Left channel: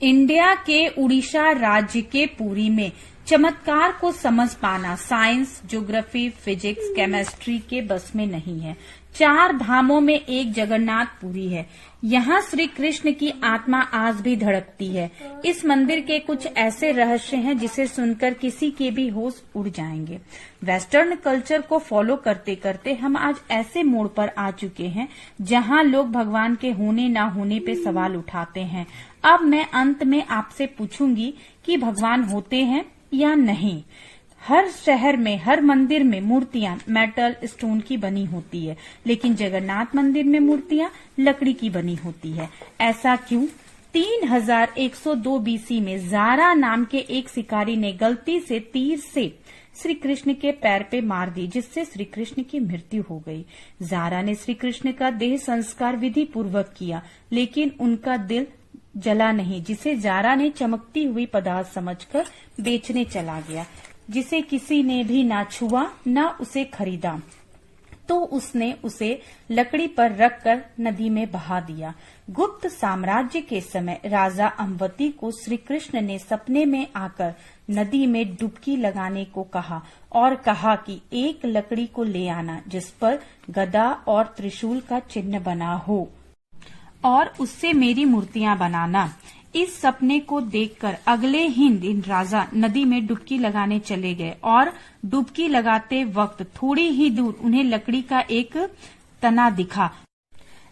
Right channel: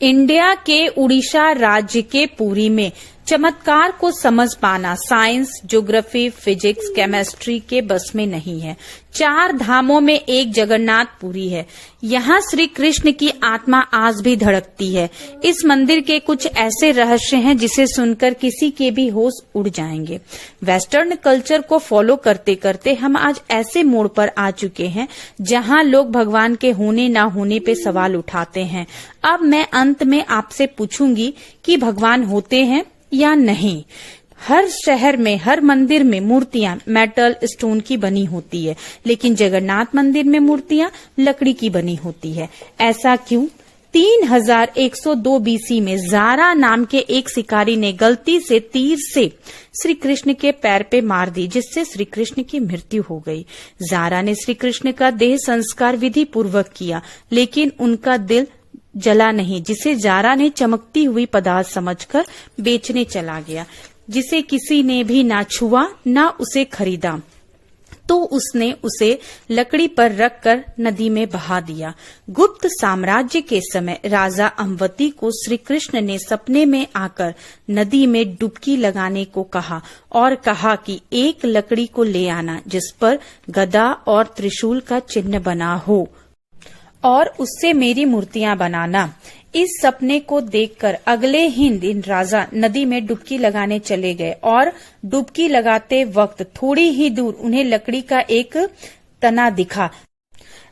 India के उड़ीसा राज्य के पुरी में चमत्कार को समझ पाना साइंस, ज्योग्राफी, फिजिक्स, केमिस्ट्री के बस में नहीं है। 4 धामों में एक जगन्नाथपुरी है। यहाँ श्री कृष्ण की आत्मा आज भी धड़कती है। इस मंदिर के कुछ ऐसे रहस्य हैं जिसे सुनकर किसी के भी होश उड़ जाएंगे। वेस्टर्न कल्चर को फॉलो करते करते हम आज ऐसे मोड़ पर आ चुके हैं जहाँ लोग भगवान के होने ना होने पे सवाल उठाते हैं। अब मैं अंत में आपसे पूछूंगी कि भगवान होते हैं या नहीं। हर शहर में, हर मंदिर में मूर्तियां मेटल, स्टोन की बनी होती है, लेकिन जगन्नाथ मंदिर में मूर्तियां लकड़ी की बनी होती है। ऐसा क्यों? 3102 बीसी में जारा नाम के एक शिकारी ने गलती से तीर से श्री कृष्ण के पैर पे मार दी, जिससे श्री कृष्ण की मृत्यु हो गई। जारा ने श्री कृष्ण का देह संस्कार विधि पूर्वक किया, लेकिन उनका दिल जला नहीं, जिसे जारा ने चमकती हुई पदार्थ समझकर बेचने चला गया, जिसे किसी ने भी ना छुआ ना उसे खरीदा। तो उसने उसे लकड़ी पर रखकर नदी में बहा दिया। गुप्त साम्राज्य के समय राजा अम्बती को श्री कृष्ण ने सपने में आकर नदी में डुबकी लगाने को कहा और कहा कि एक लकड़ी को ले आना जिस पर गदा और त्रिशूल का चिन्ह बना हो और उससे मेरी मूर्तियां बनाना। इस सपने को देखकर अगले ही दिन राजा नदी में डुबकी लगाने चले गए और डुबकी लगाते वक्त थोड़ी ही दूर उन्हें लकड़ी का एक तना दिखा।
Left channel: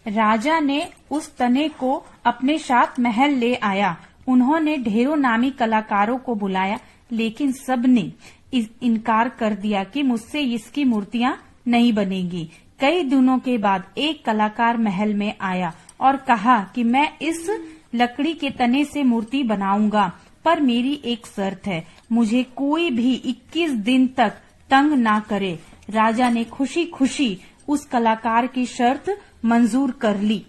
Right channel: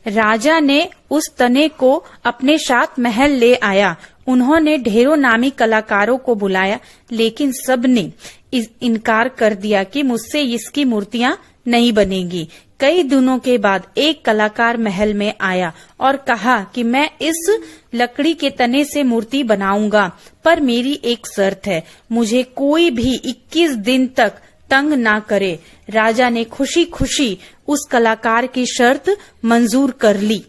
राजा ने उस तने को अपने साथ महल ले आया। उन्होंने ढेरों नामी कलाकारों को बुलाया, लेकिन सबने इनकार कर दिया कि मुझसे इसकी मूर्तियां नहीं बनेगी। कई दिनों के बाद एक कलाकार महल में आया और कहा कि मैं इस लकड़ी के तने से मूर्ति बनाऊंगा, पर मेरी एक शर्त है, मुझे कोई भी 21 दिन तक तंग ना करे। राजा ने खुशी खुशी उस कलाकार की शर्त मंजूर कर ली।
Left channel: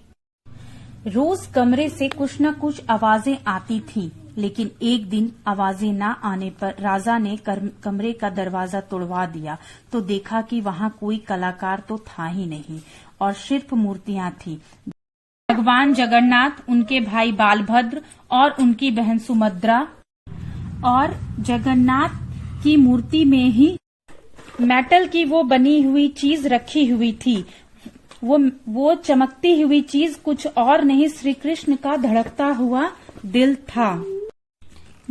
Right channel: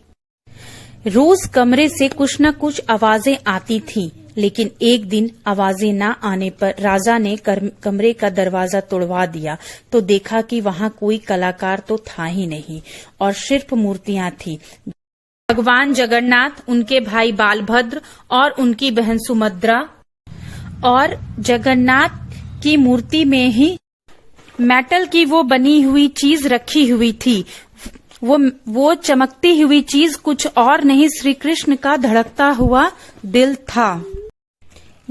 रोज कमरे से कुछ न कुछ आवाजें आती थीं, लेकिन एक दिन आवाजें न आने पर राजा ने कमरे का दरवाजा तोड़वा दिया तो देखा कि वहां कोई कलाकार तो था ही नहीं और सिर्फ मूर्तियां थी। भगवान जगन्नाथ, उनके भाई बालभद्र और उनकी बहन सुभद्रा, और जगन्नाथ की मूर्ति में ही मेटल की वो बनी हुई चीज रखी हुई थी। वो चमकती हुई चीज कुछ और नहीं, श्री कृष्ण का धड़कता हुआ दिल था।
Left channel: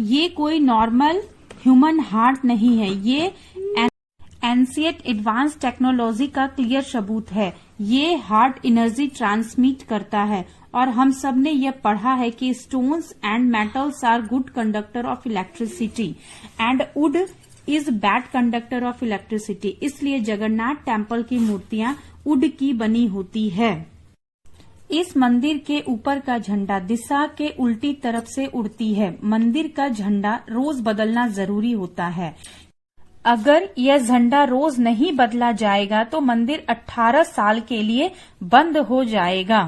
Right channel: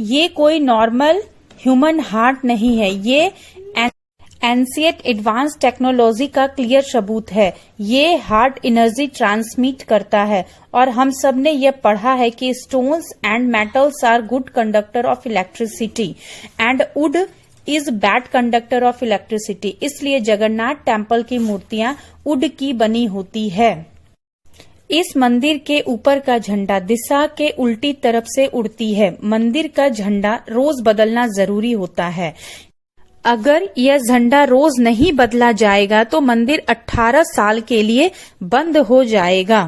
ये कोई नॉर्मल ह्यूमन हार्ट नहीं है, ये एंशिएंट एडवांस टेक्नोलॉजी का क्लियर सबूत है। ये हार्ट एनर्जी ट्रांसमिट करता है और हम सब ने यह पढ़ा है कि stones and metals are good conductor of electricity and wood is bad conductor of electricity. इसलिए जगन्नाथ टेम्पल की मूर्तियां वुड की बनी होती है। इस मंदिर के ऊपर का झंडा दिशा के उल्टी तरफ से उड़ती है। मंदिर का झंडा रोज बदलना जरूरी होता है। अगर यह झंडा रोज नहीं बदला जाएगा तो मंदिर 18 साल के लिए बंद हो जाएगा।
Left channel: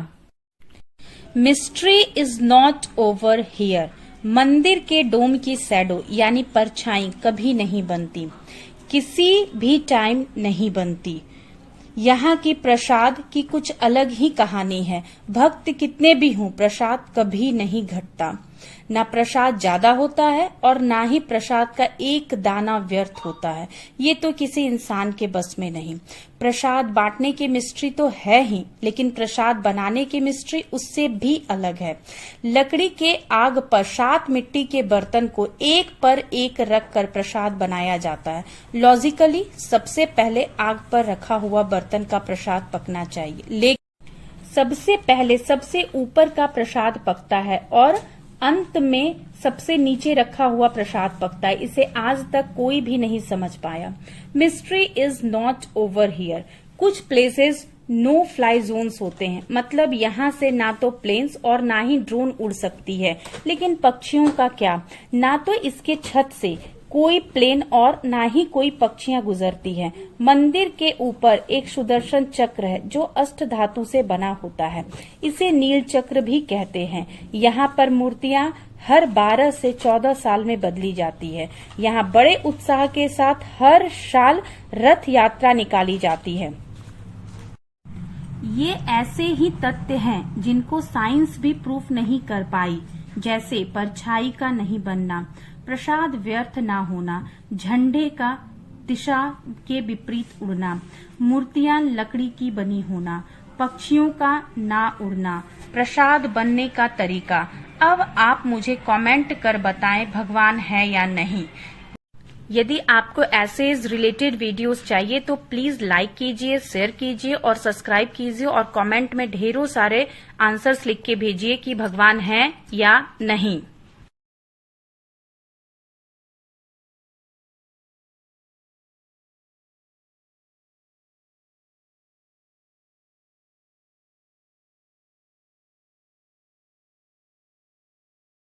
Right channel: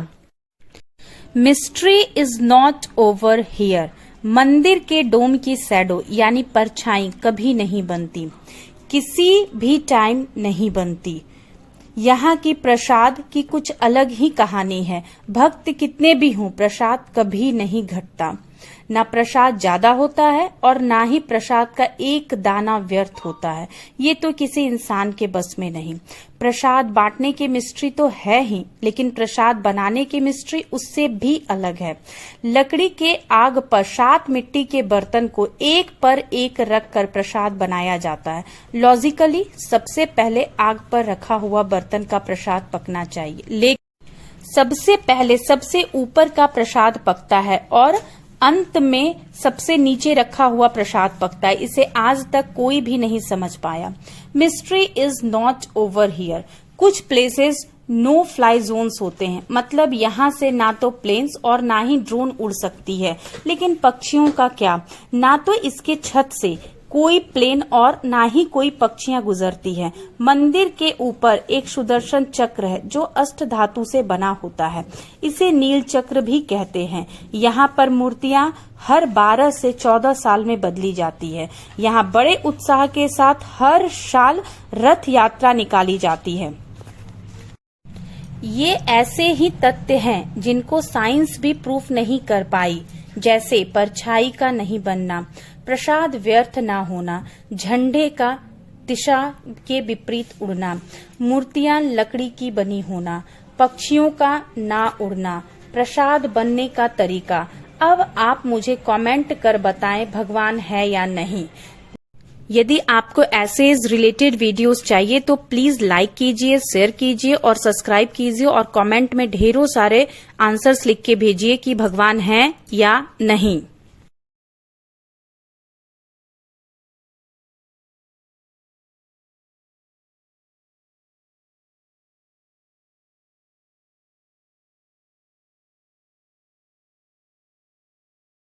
Mystery is not over here. मंदिर के डोम की शैडो यानी परछाई कभी नहीं बनती, किसी भी टाइम नहीं बनती। यहाँ की प्रसाद की कुछ अलग ही कहानी है। भक्त कितने भी हों, प्रसाद कभी नहीं घटता। ना प्रसाद ज्यादा होता है और ना ही प्रसाद का एक दाना व्यर्थ होता है। ये तो किसी इंसान के बस में नहीं। प्रसाद बांटने की मिस्ट्री तो है ही, लेकिन प्रसाद बनाने की मिस्ट्री उससे भी अलग है। लकड़ी के आग पर 7 मिट्टी के बर्तन को एक पर एक रख कर प्रसाद बनाया जाता है। लॉजिकली सबसे पहले आग पर रखा हुआ बर्तन का प्रसाद पकना चाहिए, लेकिन सबसे पहले सबसे ऊपर का प्रसाद पकता है और अंत में सबसे नीचे रखा हुआ प्रसाद पकता है। इसे आज तक कोई भी नहीं समझ पाया। Mystery is not over here. कुछ प्लेसेस नो फ्लाई जोन्स होते हैं, मतलब यहाँ से ना तो प्लेन्स और ना ही ड्रोन उड़ सकती है। लेकिन पक्षियों का क्या? ना तो इसके छत से कोई प्लेन और ना ही कोई पक्षियां गुजरती हैं। मंदिर के ऊपर एक सुदर्शन चक्र है जो अष्ट धातु से बना होता है। इसे नील चक्र भी कहते हैं। यहाँ पर मूर्तियां हर 12 से 14 साल में बदली जाती है। यहाँ बड़े उत्साह के साथ हर साल रथ यात्रा निकाली जाती है। ये ऐसे ही तथ्य हैं जिनको साइंस भी प्रूफ नहीं कर पाई। जैसे परछाई का नहीं बनना, प्रसाद व्यर्थ ना होना, झंडे का दिशा के विपरीत उड़ना, मूर्तियां लकड़ी की बनी होना, पक्षियों का ना उड़ना, प्रसाद बनने का तरीका। अब आप मुझे कमेंट कर बताएं भगवान है या नहीं। यदि आपको ऐसे रिलेटेड वीडियोस चाहिए तो प्लीज लाइक कीजिए, शेयर कीजिए और सब्सक्राइब कीजिए और कमेंट में ढेरों सारे आंसर्स लिख के भेजिए कि भगवान है या नहीं।